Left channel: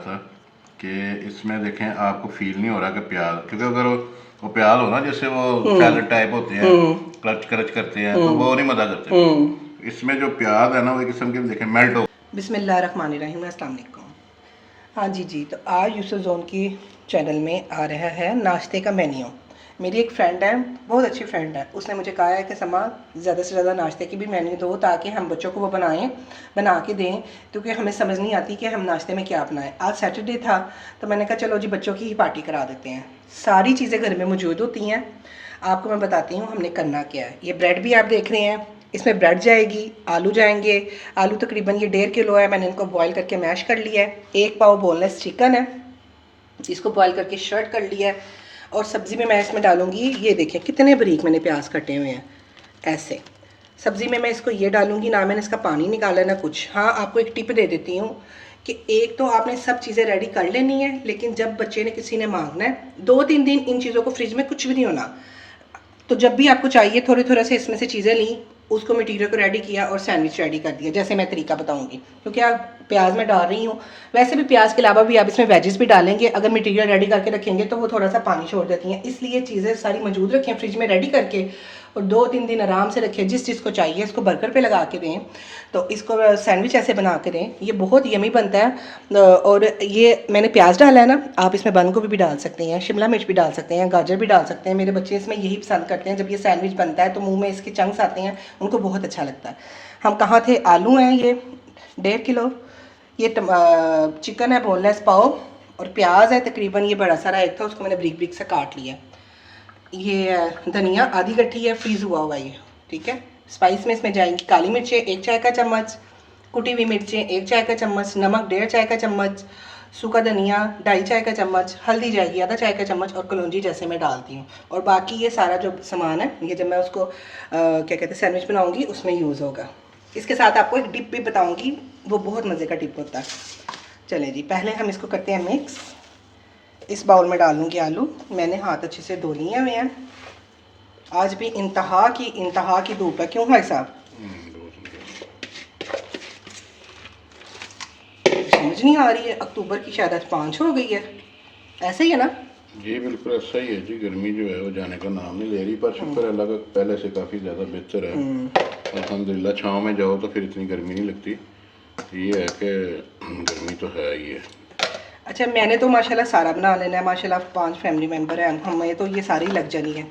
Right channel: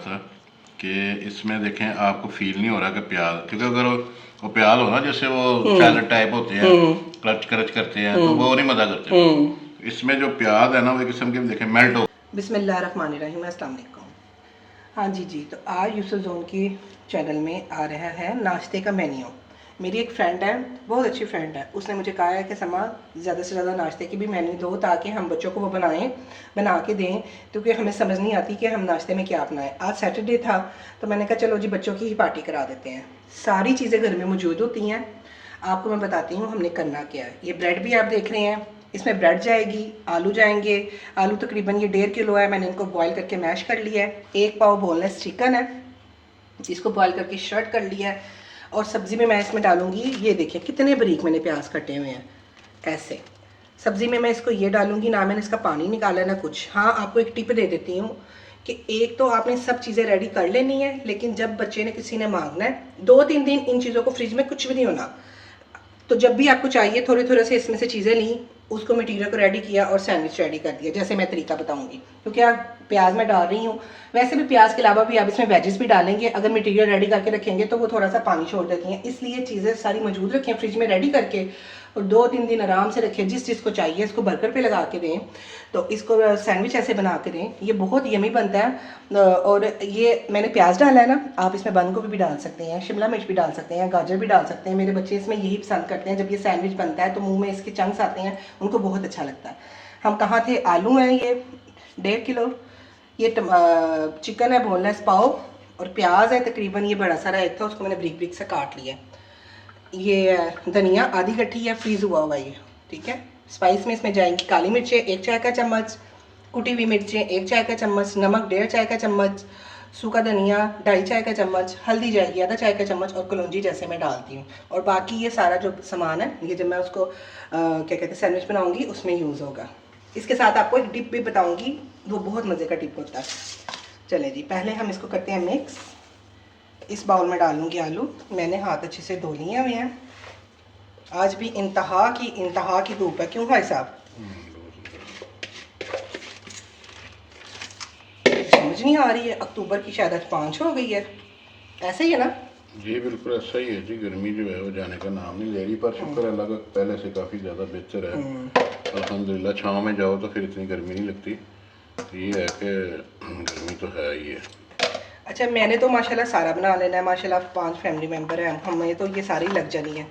था कि इसमें देखें आपको फील नहीं हो रहा कि प्याज, क्योंकि अगर वो प्याज हो ना जैसे वो सैलड टाइप होते हैं, क्रच क्रच करते हैं, तो वो नहीं मज़ा करते। इसमें जो प्याज है ना वो एक किस्म के देखें मेल्ट हो। बिस्मिल्लाहिर्रहमानिर्रहीम, अस्सलाम वालेकुम। हाँ जी जी, तो आज यूसुफ जोन की चैनल में आ रहा है नाश्ते का मेन्यू। मेरी एक फ़्रेंड है, बहुत अच्छी फ्रेंड है, उसने मुझे कहा है कि समा ज़्यादा से ज़्यादा नाश्ते की भी मेन्यू दो ताकि हम बच्चों को वो बना के दें, क्योंकि हमें समझ नहीं आती कि हम नाश्ते में क्या बनाएं। आज सैटरडे था तो मैंने कहा चलो जी बच्चों की ही पार्टी करा देते हैं। सारी चीज़ें घर में मौजूद होती हैं। आपको मैं बताती हूँ हमने करना क्या है। ये ब्रेड भी आप देख रहे हैं, इसमें ब्रेड जाएगी, आलू जाएंगे। आलू तकरीबन ये 1.5 किलो है, मैंने इनको बॉईल करके मैश कर लिया है। 1 पाव बोनलेस चिकन है, इसको बॉईल करके शर्ट कर लिया है। और सब्ज़ी में मैं इसमें डालूंगी, ये देखिए कितने बारीक मैंने प्याज कटे हुए हैं। ऐसे सब्ज़ी में मैं इसको ये डालूंगी, ना मैंने इसका पानी निकाला ना कुछ। हाँ, आपको एक टिप दे देती हूँ कि एक तो आपने सब चीज़ें रेडी कर लेनी है, लेकिन जब बच्चे ने किसी ने मांगना है 2-3 दिन इन चीज़ों को फ्रिज में कुछ भी नहीं होना। तो जब भी आपको चाहिए थोड़े थोड़े से इसमें से चीज़ें ली, उसको मटीरियल को रेडी किया और सैंडविच रेडी कर दिया, जैसे मैं तरीका बताऊंगी। क्योंकि आप प्याज मैं डाल रही हूँ, वैसे भी प्याज के अलावा भी आप इसमें वेजेस भी डालेंगे। अगर मटीरियल रेडी करके रखेंगे तो वो थोड़ा सा पानी छोड़ देती हैं, इसलिए चीज़ें सारी मौजूद रखें फ्रिज में रेडी करके और 2-3 दिन आराम से रखें। जिस चीज़ को चाहिए इसको बर्गर पे लगा के दें, तो इसको सैंडविच ऐसे बना के दें, ये बहुत यमी बनता है। और ये मैंने प्याज डाला है ना, आप इसमें बंद गोभी भी डाल सकते हैं, शिमला मिर्च भी डाल सकते हैं, गाजर भी डाल सकते हैं। मेरे बच्चे इसमें यही पसंद करते हैं, जब ये सैंडविच बनता है तो मुंह में इसके चंक्स आते हैं, उनको बहुत अच्छा लगता है। हम कहाँ थे, आलू हैं ये 1.5 किलो, ये चिकन है बोनलेस पाव, और प्याज है तकरीबन ये बड़ा सारा एक था, उसको मैंने ब्रिक ब्रिक से काट लिया। ये धनिया आधी गट्ठी है, फ्रीज हुआ हुआ ये, ठीक है। स्पाइस में इसमें जाएंगी काली मिर्चें 1 चाय का चम्मच, कुटी हुई मिर्चें 1 चाय का चम्मच, नमक 1.5 चाय का चम्मच, सूखा धनिया 2.5 चाय का चम्मच, हल्दी जाएगी आधा चाय का चम्मच, और कलौंजी जैसे मैं डालती हूँ। और बाकी ये सारा जो सामान है ये जब मैं उसको क्या कहते हैं सैंडविच बनाऊँगी उसमें यूज़ होगा। इसके साथ आपको एक डिप भी बताऊँगी, वो बहुत मज़े का डिप होता है। चलें जी, पहले हम इसको करते हैं मिक्स। इस बाउल में डालूंगी आलू, मैंने हाथ अच्छे से धो लिए हुए हैं। आज भी इंतहा की धूप है, क्यों भाई साहब? समझ नहीं आ रही है, अक्टूबर की शायद 5 हो गई है, ऐसे ही है ना? जी बिल्कुल ऐसा ही है जी। गर्मी जो है वो जाने का नाम नहीं ले रही, पर शुक्र अल्लाह का पहले से काफ़ी ज़्यादा बेहतर है। अल्हम्दुलिल्लाह, छाँव में जाओ तो फिर इतनी गर्मी नहीं लगती। ये है कि गर्मी तो है ही है। अच्छा, मैंने तो माशाल्लाह सारा बना लेना है, माशाल्लाह 5 फैमिली मेम्बर हैं, हमें तो ये सारी लग जानी है,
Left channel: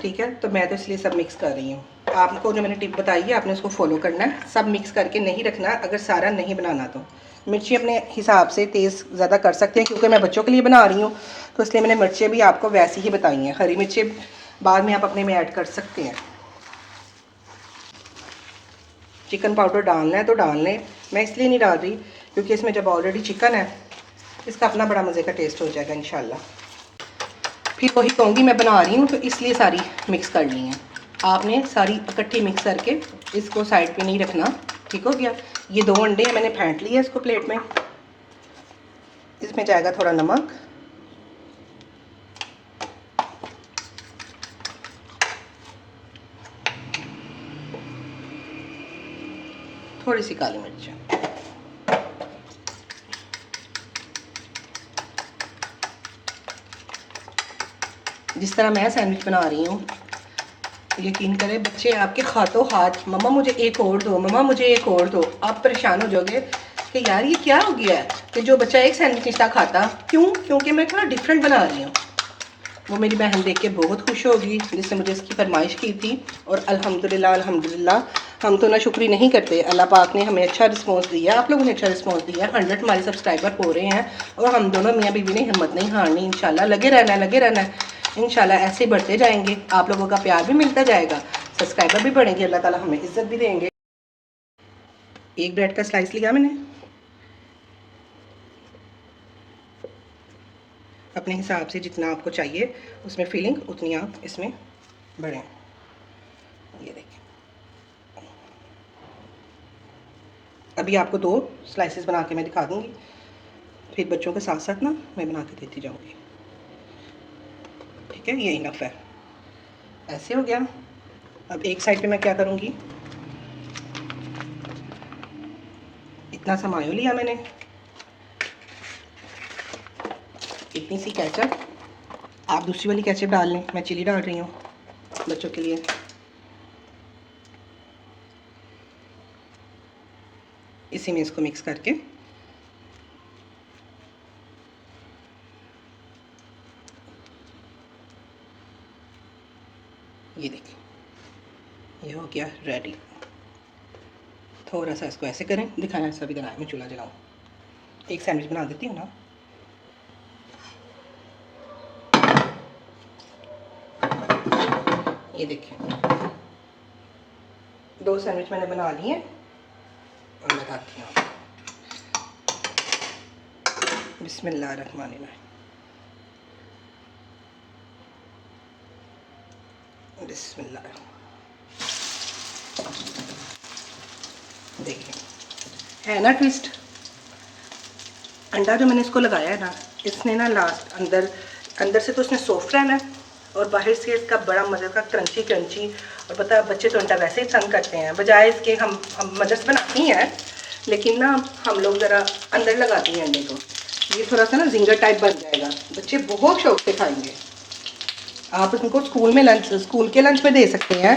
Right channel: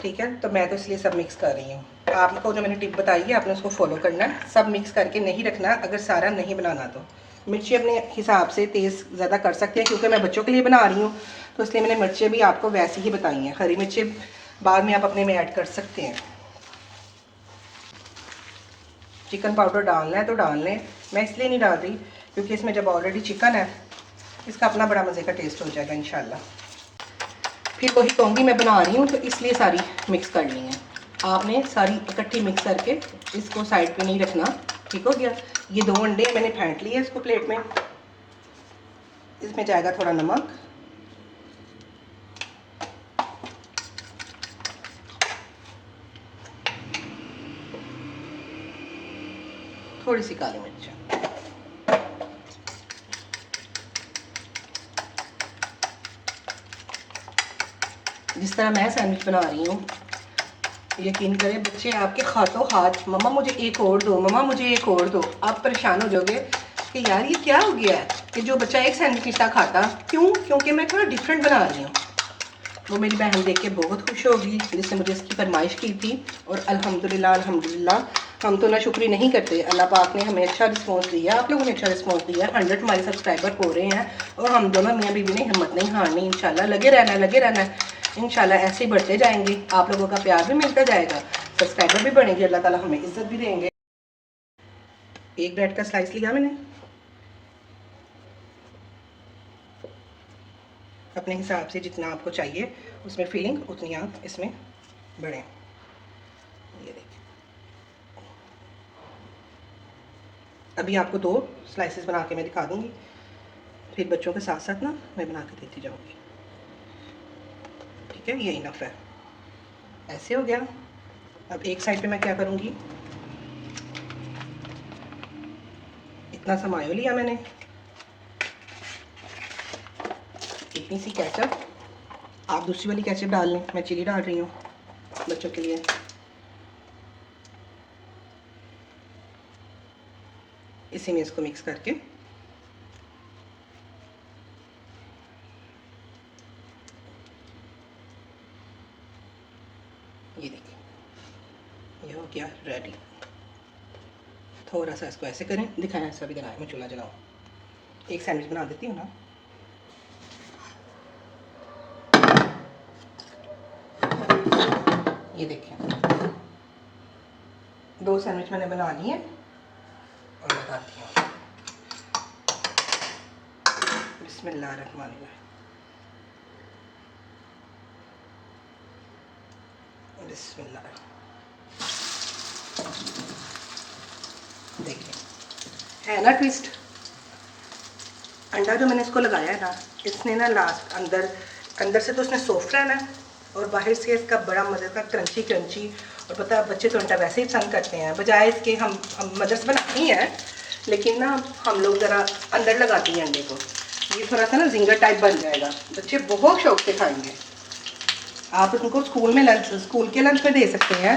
ठीक है। तो मैं तो इसलिए सब मिक्स कर रही हूँ। आपको जो मैंने टिप बताई है आपने उसको फॉलो करना है, सब मिक्स करके नहीं रखना अगर सारा नहीं बनाना तो। मिर्ची अपने हिसाब से तेज़ ज़्यादा कर सकते हैं, क्योंकि मैं बच्चों के लिए बना रही हूँ तो इसलिए मैंने मिर्चें भी आपको वैसी ही बताई हैं। हरी मिर्चें बाद में आप अपने में ऐड कर सकते हैं। चिकन पाउडर डालना है तो डाल लें, मैं इसलिए नहीं डाल रही क्योंकि इसमें जब ऑलरेडी चिकन है इसका अपना बड़ा मज़े का टेस्ट हो जाएगा इंशाल्लाह। फिर वही कहूँगी मैं बना रही हूँ तो इसलिए सारी मिक्स कर ली हैं। आपने सारी इकट्ठी मिक्स करके इसको साइड पे नहीं रखना, ठीक हो गया। ये 2 अंडे मैंने फेंट लिए इसको प्लेट में। इसमें जाएगा थोड़ा नमक, थोड़ी सी काली मिर्च। जिस तरह मैं सैंडविच बना रही हूँ, यकीन करें बच्चे आपके हाथों हाथ मम्मा मुझे एक और दो, मम्मा मुझे एक और दो। आप परेशान हो जाओगे कि यार ये क्या हो गया है कि जो बच्चा एक सैंडविच नहीं खाता। क्यों? क्योंकि मैं थोड़ा डिफरेंट बना रही हूँ। वो मेरी बहन देख के बहुत खुश होगी जिसने मुझे इसकी फरमाइश की थी। और अल्हम्दुलिल्लाह अल्हम्दुलिल्लाह, हम तो ना शुक्री नहीं करते, अल्लाह पाक ने हमें अच्छा रिस्पॉन्स दिया, आप लोगों ने अच्छा रिस्पॉन्स दिया। 100 हमारे सब्सक्राइबर हो रहे हैं और हम दोनों मियाँ बीवी ने हिम्मत नहीं हारनी। इंशाल्लाह लगे रहना है, इंशाल्लाह ऐसे ही बढ़ते जाएंगे। आप लोगों का प्यार भी मिलता जाएगा, सब्सक्राइबर भी बढ़ेंगे, अल्लाह ताला हमें इज्जत भी देंगे। एक ब्रेड का स्लाइस लिया मैंने, अपने हिसाब से जितना आपको चाहिए उसमें फीलिंग उतनी आप इसमें बढ़ें। ये देखिए, अभी आपको 2 स्लाइसेस बना के मैं दिखा दूंगी, फिर बच्चों के साथ साथ ना मैं बना के देती जाऊंगी, ठीक है। ये इनफ है, ऐसे हो गया। अब एक साइड पे मैं क्या करूंगी, इतना सा मायो लिया मैंने, इतनी सी केचप, आप दूसरी वाली केचप डाल लें, मैं चिली डाल रही हूँ बच्चों के लिए। इसी में इसको मिक्स करके ये देखिए, ये हो गया रेडी। थोड़ा सा इसको ऐसे करें, दिखाएं ऐसा भी बनाएं, मैं चूल्हा जलाऊँ। एक सैंडविच बना देती हूँ ना। ये देखें, 2 सैंडविच मैंने बना लिए और लगाती हूँ। बिस्मिल्लाहिर्रहमानिर्रहीम, बिस्मिल्लाह। देखिए, है ना ट्विस्ट। अंडा जो मैंने इसको लगाया है ना, इसने ना लास्ट अंदर से तो उसने सॉफ्ट रहना है और बाहर से इसका बड़ा मज़े का क्रंची क्रंची। और पता है बच्चे तो अंडा वैसे ही पसंद करते हैं, बजाय इसके हम मदर्स बनाती हैं, लेकिन ना हम लोग ज़रा अंदर लगाती हैं अंडे को। ये थोड़ा सा ना जिंगर टाइप बन जाएगा, बच्चे बहुत शौक से खाएंगे। आप इनको स्कूल के लंच में दे सकते हैं,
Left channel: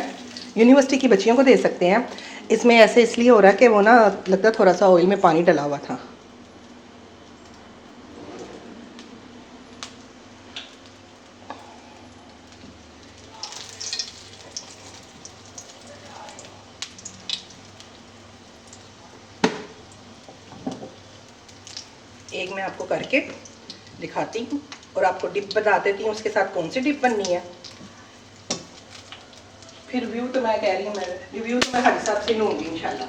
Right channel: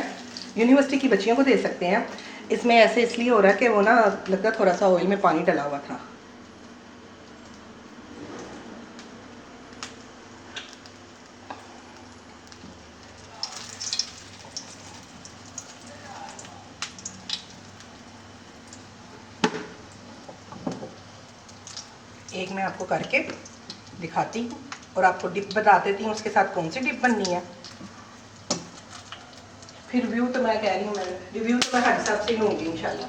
यूनिवर्सिटी की बच्चियों को दे सकते हैं। इसमें ऐसे इसलिए हो रहा है कि वो ना लगता थोड़ा सा ऑयल में पानी डला हुआ था। एक मैं आपको करके दिखाती हूँ और आपको डिप बता देती हूँ उसके साथ कौन सी डिप बननी है। फिर रिव्यू तो मैं कह रही हूँ, रिव्यू तो मैं हर हिसाब से लूँगी इंशाल्लाह।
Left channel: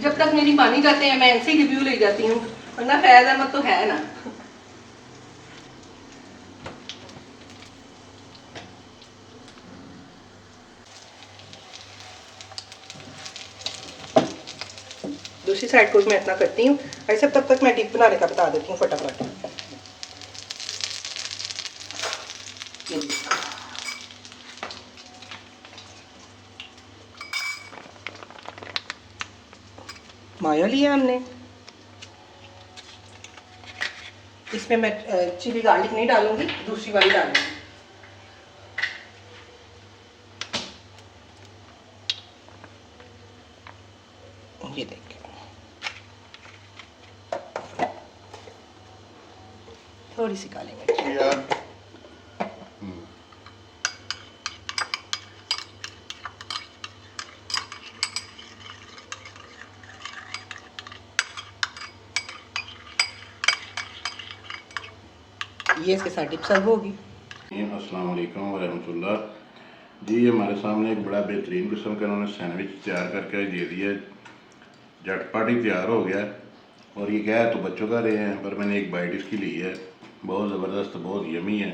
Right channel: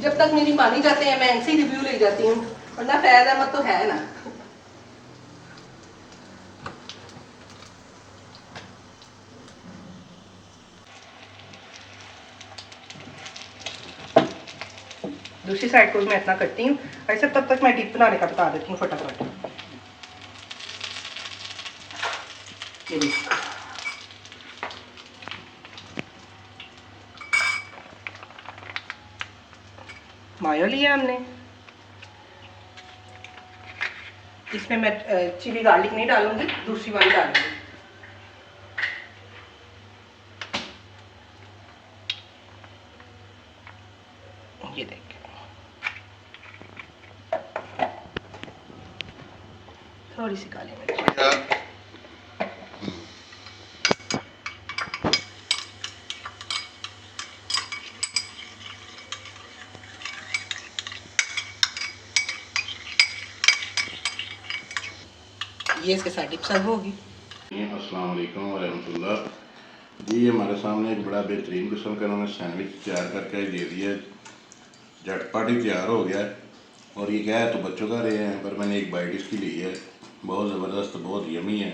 जब तक मेरी मानी जाते हैं मैं इनसे ही रिव्यू ले जाती हूँ, वरना फैज़ अहमद तो है ना। दूसरी साइड को भी मैं इतना करती हूँ। ऐसे तब तक मैं डिप बनाने का बता देती हूँ फटाफट। ये देखिए, मायो लिया हमने, इसमें मैं चिली गार्लिक नहीं डालूंगी, दूसरी वाली डालूंगी। ये देखिए, थोड़ी सी काली मिर्च। ये इसके साथ डिप सर्व होगी। अस्सलाम वालेकुम वरहमतुल्लाह जी। हमारे सामने एक बड़ा बेहतरीन किस्म का उन्होंने सैंडविच तैयार करके दे दिया, झटपट ही तैयार हो गया। और ये क्या है तो बच्चों का रहे हैं, पर मैंने एक बाइट इसकी ली है, बहुत ज़बरदस्त, बहुत यमी है।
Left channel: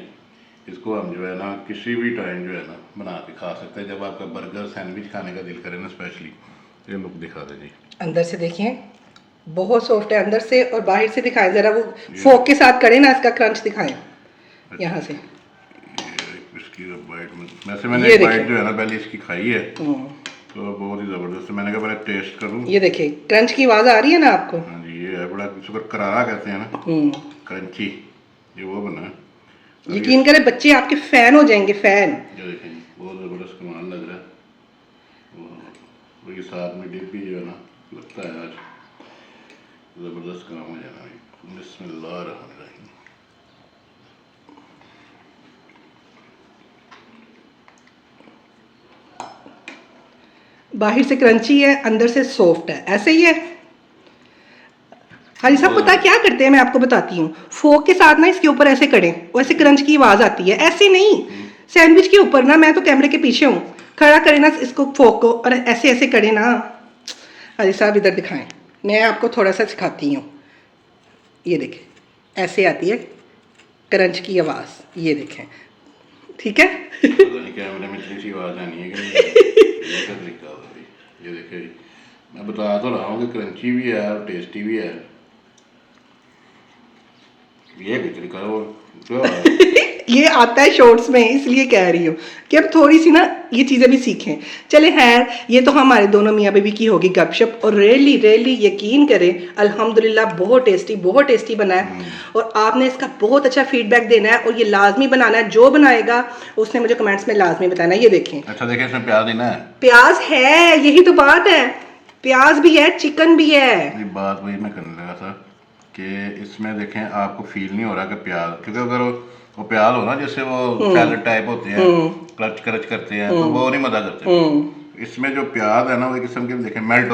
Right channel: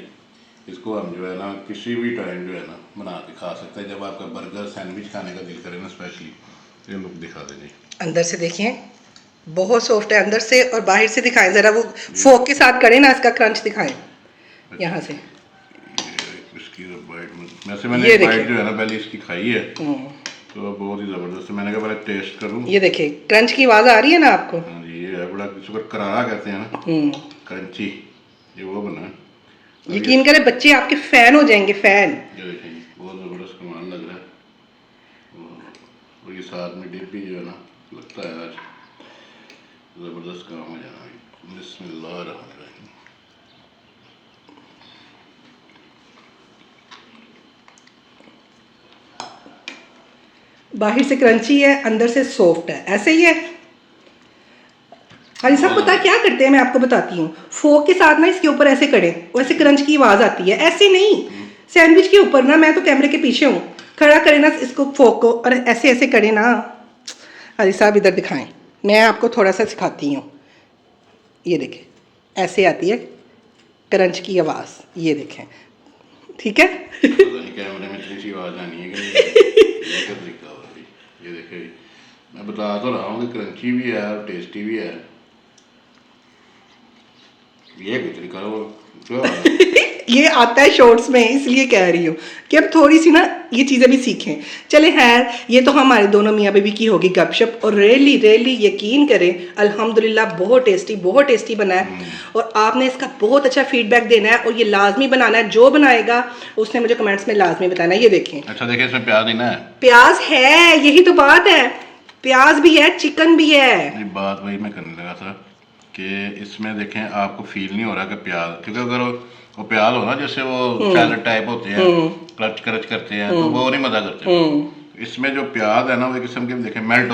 इसको हम जो है ना किसी भी टाइम जो है ना बना के खा सकते हैं। जब आपका बर्गर सैंडविच खाने का दिल करे ना स्पेशली, ये लुक दिखा दें जी। अंदर से देखिए बहुत सॉफ्ट है अंदर से, और बाहर से दिखाएं ज़रा, वो फोक के साथ करें ना, इसका क्रंच दिखाएं यहाँ से। इसकी बाइट में वैसे मैंने एक बाइट जो है ना पहले इसकी खाई है तो बहुत ही ज़बरदस्त है। मैंने कहा पहले टेस्ट करूँ। ये देखिए क्रंच की आवाज़ आ रही है ना आपको। हाँ जी, ये है बड़ा, इसको करारा कहते हैं ना, क्रंची, ये वो बना है। यकीन करें बच्चे आपके फैन हो जाएंगे, फैन। ये देखें बहुत ज़बरदस्त कमाल लग रहा है। और ये साथ में डिप भी जो है ना लगता है आज ज़बरदस्त काम हो जाना। बिस्मिल्लाहिर्रहमानिर्रहीम। बाहर से क्रंची है, अंदर से सॉफ्ट है, ऐसे ही है। हाजी साहब पता है क्या करते हैं, मैं आपको बताती हूँ। फोक के साथ ना इसके ऊपर ऐसे करें, वैसे क्रंच की आवाज़ आती है, ऐसे नहीं। सैंडविच के ऊपर ना, मैं तो कैमरे के पीछे हूँ, खड़ा करें ना इसको फोक को, और ऐसे ऐसे करें ना। हाजी साहब इधर दिखाएं, मैं आपको थोड़ा सा सिखाती हूँ। ये देखें ऐसे आती है क्रंच की आवाज़, ये देखें, ठीक है। कैमरे में इतनी सी आवाज़ आनी है कि ये क्या तरीका हो रही। ये देखिए मैं बता तो रहा हूँ कि क्रंची भी है और टेस्टी भी है। ये भी तरीका हो क्या ये आता है शॉर्ट्स में, इसलिए कह रही हूँ कि अब थोड़ी सी ना ये चीज़ें भी सीखें। चले खैर, ये तो हमारे दोनों मियाँ बीवी की होगी गपशप, और रियली रियली यकीन करें अल्हम्दुलिल्लाह बहुत टेस्टी बना है। और आपने इसका बहुत अच्छा फीडबैक देना है और ये लाजमी बनाना है। जो बनाएगा उसने मुझे कमेंट्स में लाजमी बताना है। ये देखें, अच्छा देखिए इसमें प्याज देना है, प्याज है, यही तो बात है, प्याज भी है, चिकन भी है। ये बात वही मैं करने लगा था कि इसमें देखें आपको फील नहीं हो रहा कि प्याज, क्योंकि अगर वो प्याज हो ना जैसे वो सैलड टाइप होते हैं, क्रच करते हैं, तो वो नहीं मजा करते। इसमें जो प्याज है ना वो एक किस्म के देखें मेल्ट हो